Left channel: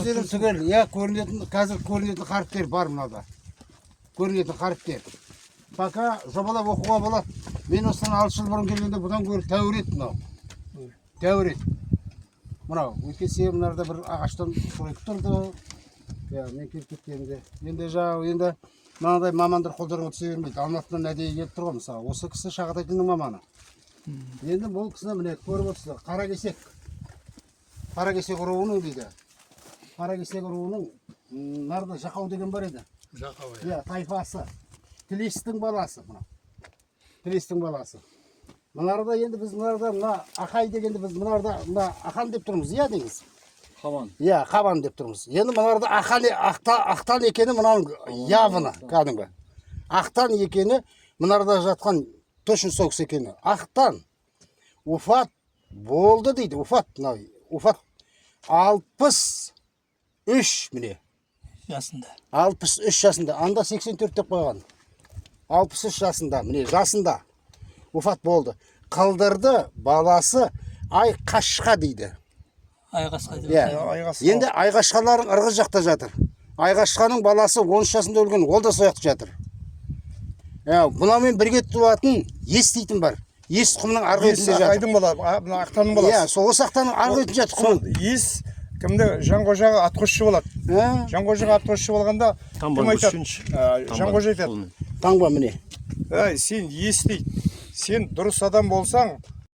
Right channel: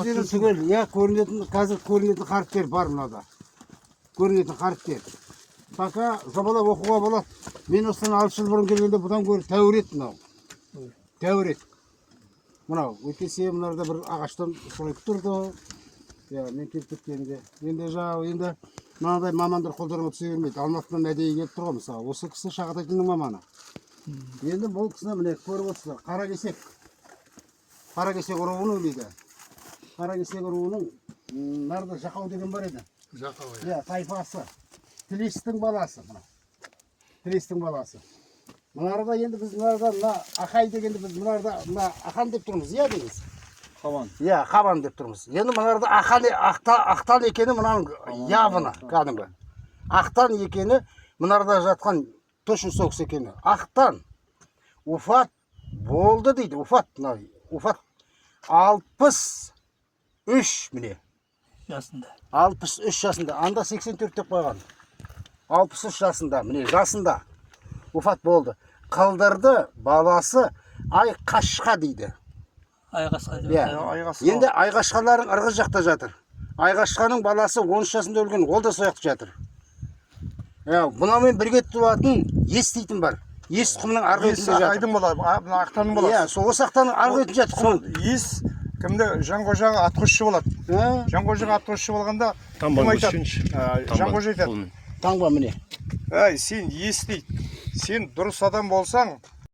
көздері түгел, иә, көрінетін, қазір көрінетін харптер бар мынада. Көрінетін харптер. Пока жобалап оқуға болады. Мен осыдан 6 жыл бұрын келгенде бұдан көріп тәуір еді мынау. Тәуір еді. Мынау, өткесе мынарда бір ағаштан сұрайып тұрды. Я, мен келіп кеткенде. Енді жаңағы, енді мынадай мамандар қолдарына түсе бермейді. Алматыдан әдейі келіп тұрған мысалы. Осы кісі Шағатайдың маманы. Енді бұл кісіні міне көріп отырсыздар. Қаракесек руының дейді. Қаракесек руының нарда Жақау деген бар еді. Жақау. Иә, тайпасы. Тілестің баласы мына. Тілестің баласы. Мынарда енді біз мына Ақай дегенде біз мына Ақан деп тұрмыз, иә дейміз. Қабан. Иә, Қабан деп тұрмыз. Енді мынарда Ақтан екені мынаның явыны, кәдімгі. Ақтан екені мынарда жатқан точно сол кісі екені. Ақтан уфат болды дейді. Уфат 63 міне. Жасында. 63 жасында. Анда 84 деп қойған. 63 жасында, міне жасында уфат болды. Қылдырды баласы Айқашқа дейді. Айқасқа деп. Енді Айқашқалардың ырғыз жақта жатыр. Айқашқаның баласы 13 жасында өлген, ол да сояқты жатыр. Бұнамен бірге тұратын ес дейтін бар. Ес тұқымның арғы өтінде жатыр. Айдың баласы, Ақтанның баласы. Сол Ақтанның арғы өтінде жатыр. Сол ес кімді Жанқожаға атқосшы болады. Жанқожаға атқосшы болғанда Жанқожа айтады. Таңба міне. Сен ес дейді. Сен дұрыс адам болсаң,